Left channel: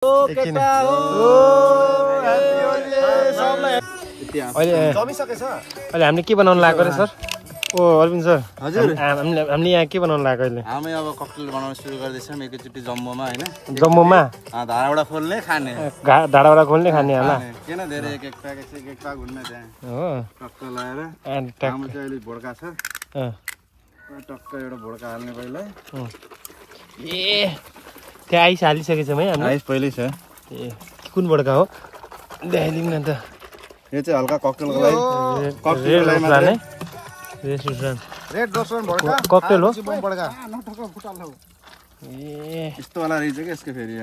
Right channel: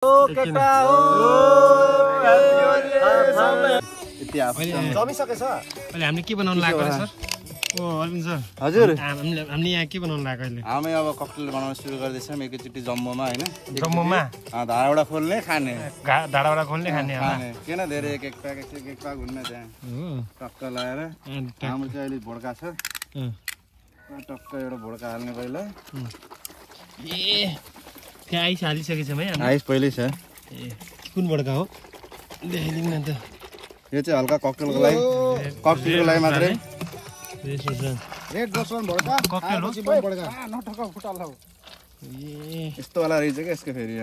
अहिले हामीले के बनाउनु लागेको रे सर? ओ अरविन्द सर हजुर हामीले यहाँ के बनाउनु लागेको अहिले? हामी अब ककटेल बनाउन सुरु गर्दैछौँ एकैचोटि जम्बोमा हैन। जम्बोमा धाराबाट खोल्ने खाने धाराबाट खोल्ने खाने होला किन धेरै एक एक पाक हुन्न त्यहाँ हो टक्क लगाएर हाम्रो चाहिँ अहिले भोड्का छ टक्क एउटा भोड्का हाल्ने पहिला ए त्यहाँ आइस हालिसकेछ है हामी आइस पहिल्यै छ ए कुन भोड्का हो देखाइदिउँ न त यो चाहिँ हल्का ककटेलको लागि मात्रै रेड रसवन भोड्का ककटेल हो भोड्का ए यस्तो वाला रहेछ के यसको फेरि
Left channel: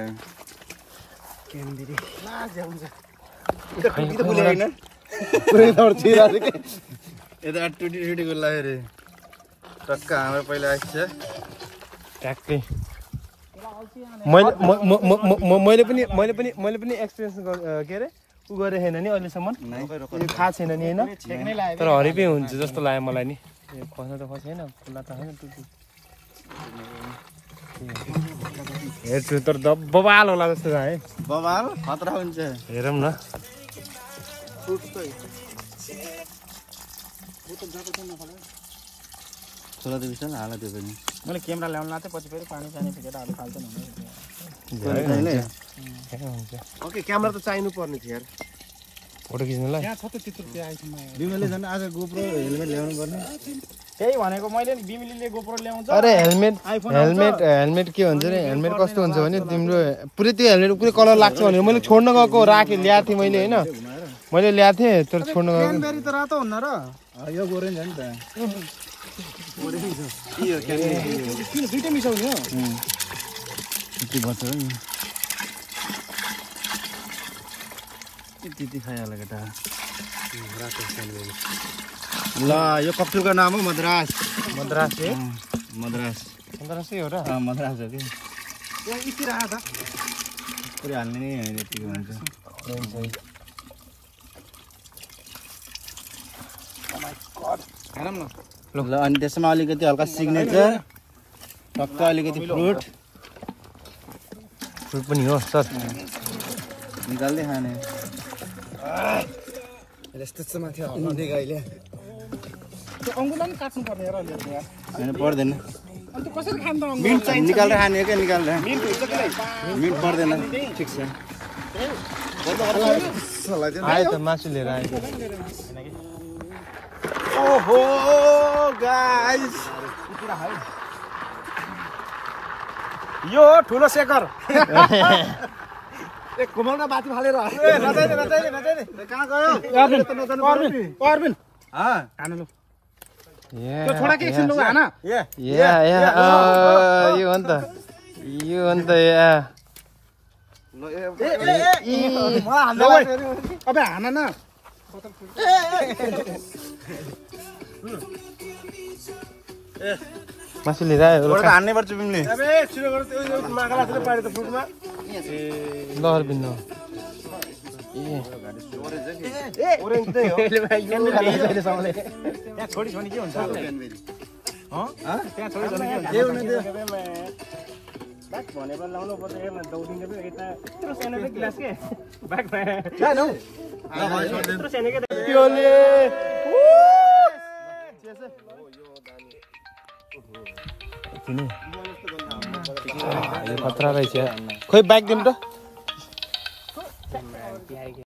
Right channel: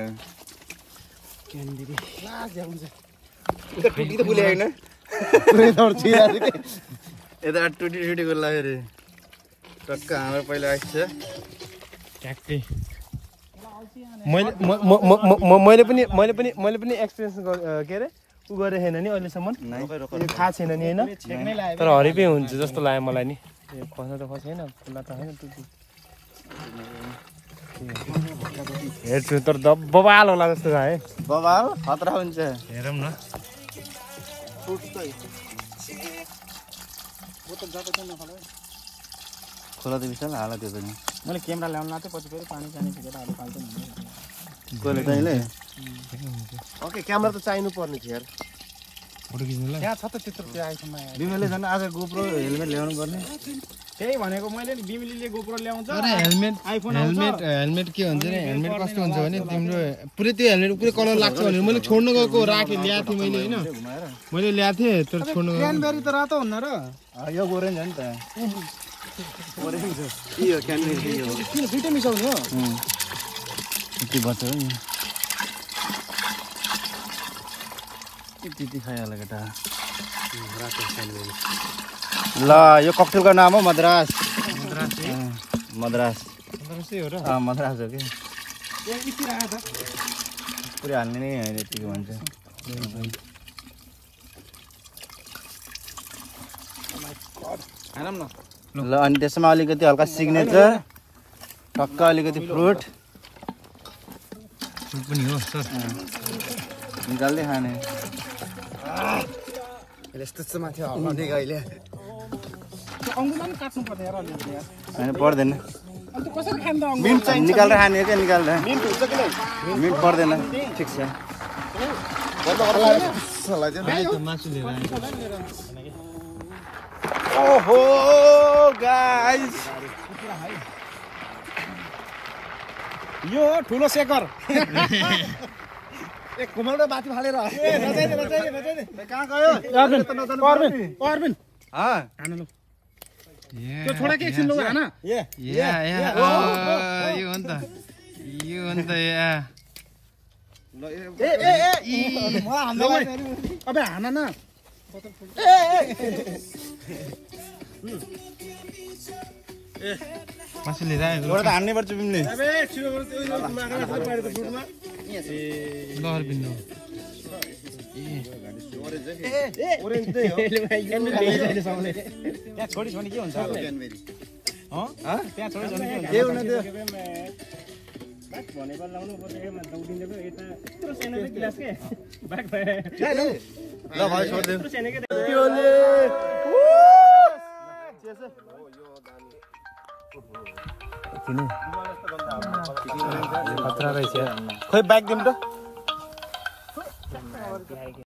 यता टुटी गुल्ला फेरि टक्क हाम्रो पहिला आइस छ ट्याक्कै मैले पनि एक्सपिरियन्स के अरे उ गरेको छैन नि अहिलेसम्म थाहा छैन नि होइन तर हरिपै हुन्छ जस्तो लाग्यो मलाई नि खस्न त खसेन खुल्ला त होइन टुटी हेर्छु तर बबाल होला जस्तो छ है बबाल खतरा हुन्छ हेरौँ न खोला त विशाल हाल त्यो पनि मैले क्यामेरा ल्याउनु लाग्थेँ पछि फेरि पानी फिकेर हाल्नु फाल्दैन ओके क्यामेरा त चाहिनु पर्ने थियो यार फोटो खिच्नुलाई यहाँ छ त त्यत्रो त्यो आइफोनमा बिमलले झन् आज गोप्रो हेलमेट ल्याउनु पर्ने त्यही भनेको मैले बिमिलीले गोप्रो ल्याउँछ अरे हेलमेट के भन्छ रे हेलमेट कस्तो हुन्छ भने तिम्रो पुरै त्यो हेलमेट पुरै कलर लाग्छ भनेर मैले छोड्न गएको राखेँ ल्याएको थिएँ मैले होइन मैले ल्याएको थिएँ तर छोड्न गएको क्यानबेरी त रातो हुन्न र यो गोरेन्ज हो नि त किन दुइटै मिसाउने हो यति बच्छ नि त्यति खाइहाल्यो केटा ल यो ककटेलको नाम हो मद्रास मद्रास मद्रासै हो र मद्रास हो कि पुरै हाल्ने नै होइन यतिको भन्छ ल अनि त्यसमा अलिकति हल्का सिग्नेचर टक्क अलिकति फ्रुट पनि हो सर निकाल्दै खाने यस्तो माथि हल्लाउँदै अहिले अङ्गुलो पनि काट्नु पर्ने र होइन पर्दैन अन्त कसरी खान्छ मिट चाहिँ निकालेर खाने क्या निकाल्दा मिट पर्दैन ठिक छ आयो त मासु लिएर आयो ओहो गाइस यो ठुलो शेखर एक घुमाउँदा बाथरुम हालेर कहाँ गयो अर्बिन हान लु त्यो छोडा के एकछिन लु हान यो हो नि त अबे हान न मासु लिएर आयो हान्नै पर्छ तिमीले अबे छिटो गर त्यो मागला छ पारे त फुटमा ल अर्बिन न ओरेन्ज चाहिँ हो त्यहाँ छोडी के हुन्छ त्यहाँ छोडी के हुन्छ के हुन त्यो बाक भनेर लाउनु पर्छ हेर्न दौडिने पनि यता यत्रो सानो चाहिँ गिलास के बाक ल भाइ छोड दे यत्रो सानो के पियोले खतरा रहेछ खोइ ब्याग दिउँ त